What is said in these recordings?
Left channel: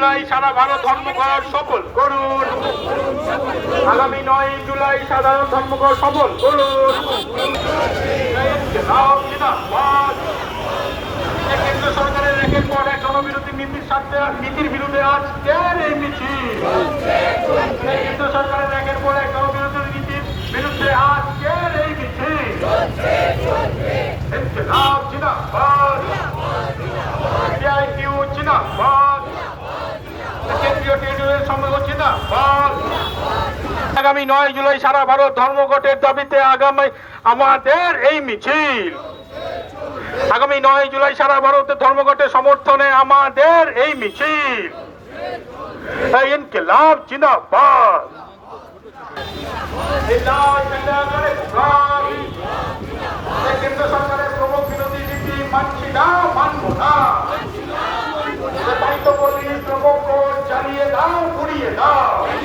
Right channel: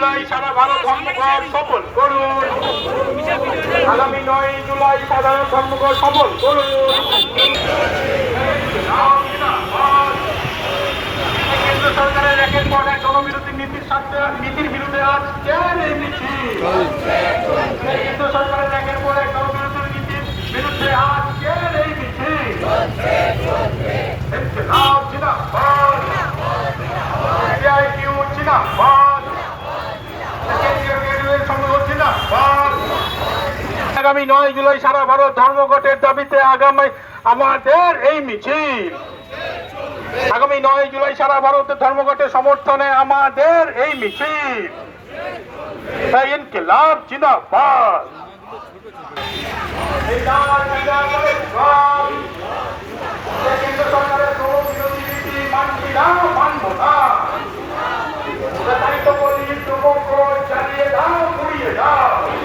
জুলাই সারা ভারত ধর্মঘট সফল। করুন আগামী নয় জুলাই সাধারণ ধর্মঘট সফল। করুন কেন্দ্র সরকারের একের পর এক জনবিরোধী নীতির সাথে নীতির বিরুদ্ধে আজ এই মিছিল কেন্দ্র সরকারের একের পর এক জনবিরোধী নীতির বিরুদ্ধে আজ কেন এই মিছিল ইনকিলাব জিন্দাবাদ সিআইটিউ জিন্দাবাদ কেন্দ্রীয় কেন্দ্রের সঙ্গে জিন্দাবাদ আগামী নয় জুলাই সারা ভারত ধর্মঘটের দাবিতে আগামী আমাদের এই মিছিল। আগামী নয় জুলাই সারা ভারতের ধর্মঘটের সমর্থনে আমাদের এই মিছিল। ইনকিলাব জিন্দাবাদ। কেন্দ্র সরকারের বিরোধী শ্রমকর চালিয়ে দাও ঘুরিয়ে দাও এই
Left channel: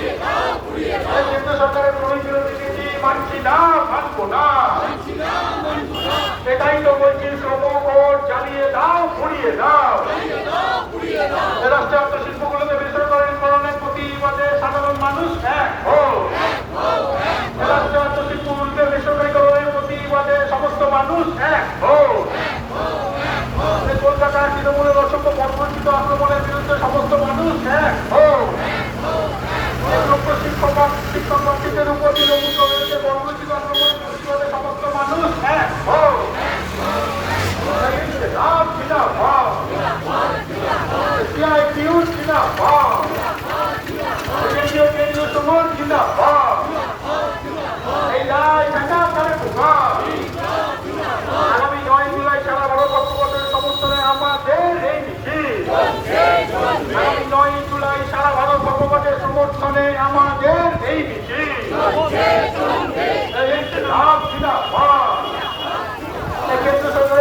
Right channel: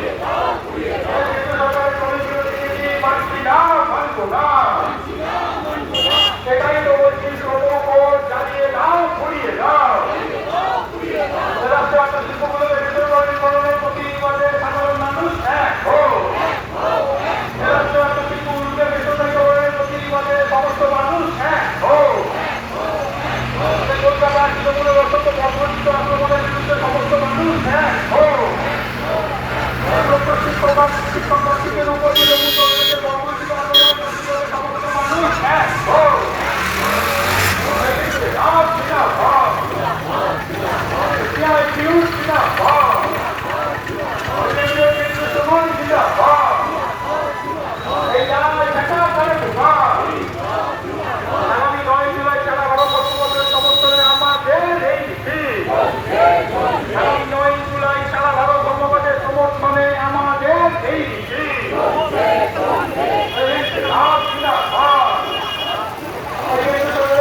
কেন্দ্র সরকারের শ্রম বিরোধী নীতি মানছি না মানব সেটাই তো বলছি শ্রমকর চালিয়ে দাও ঘুরিয়ে দাও। সাধারণ মানুষ এক হোক রাষ্ট্রায়ত্ত শিল্পগুলোকে সমস্ত মানুষ এক হোক কলকাতার আক্রমণের বিরুদ্ধে সমস্ত মানুষ এক হোক শিক্ষক শিক্ষক শিক্ষকের উপর প্রতিবাদে সমস্ত মানুষ এক হোক আপ জিন্দাবাদ সিআইটিউ জিন্দাবাদ কেন্দ্রীয় কেন্দ্রীয় সমান জিন্দাবাদ এই লাল ঝান্ডা পরে ঢোকা আগামী নয় জুলাই সারা ভারত বর্ষবর্ষের সমর্থনে আমাদের এই মিছিল আগামী নয় জুলাই সারা ভারত বর্ষবর্ষের সমর্থনে আমাদের এই মিছিল এই লাভ জিন্দাবাদ এই কেন্দ্র সরকারের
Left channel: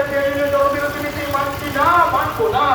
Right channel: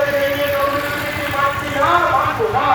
কেন্দ্রীয় জনবিরোধী নীতি মানছি না মানবো না